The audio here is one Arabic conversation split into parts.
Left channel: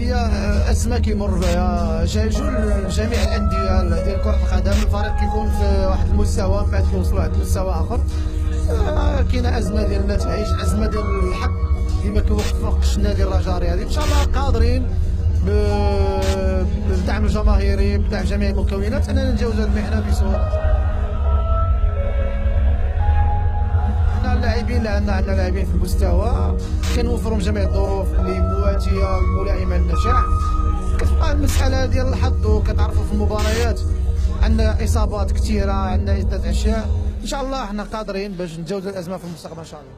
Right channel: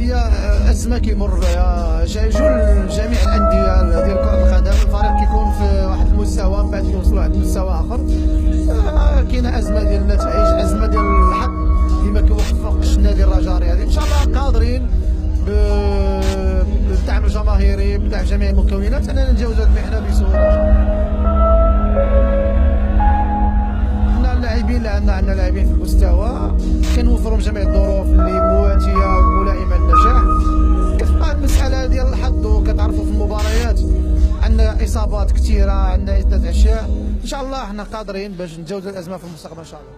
هي ازمه كيمر بها جميع الانديه ديال كره القدم. الفريق كيكون في واحد المستوى من بعد كيوصل لواحد المستوى اخر. كاينه ازمه ديال النتائج، ازمه ديال الحق اللي ما كيوفقش النادي الرجاء الرياضي. ان شاء الله قادرين بالدعم الجماهيري، بدعم جميع المكونات، اننا نتجاوزوا هذه المحنه بسهوله. حنا اللاعبين اللي عندنا لاعبين في المستوى، كنوفرهم جميع الظروف اللي مواتيه وملائمه للنجاح. كتبقى المساله ديال الحظ، وكتعرفوا في المباريات عندنا اصابات كثيره، عندنا عده اشياء. ان شاء الله حنا قادرين باش نتجاوزوا الازمه في المستقبل ان شاء الله.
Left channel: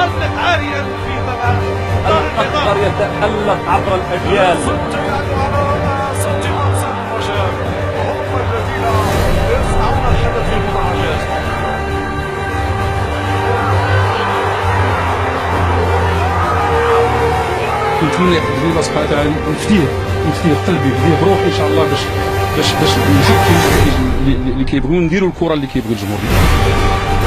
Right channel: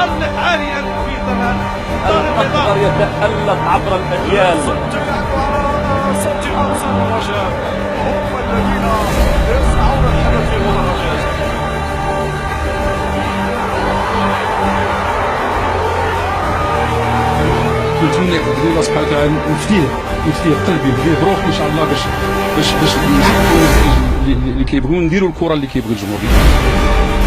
تعلق عاليا في ضمان الأخضر يتألق عبر الأجيال. صد أنصار الرجاء هم الذين يصنعون الحدث في المدرجات. نتمنى يقدر الله سبحانه وتعالى نفديه قلبي، نفديه بروحي ان شاء الله باش نزيد النتائج اللي كيبغيو نديروا الكره اللي كيبغي الجمهور ديالنا.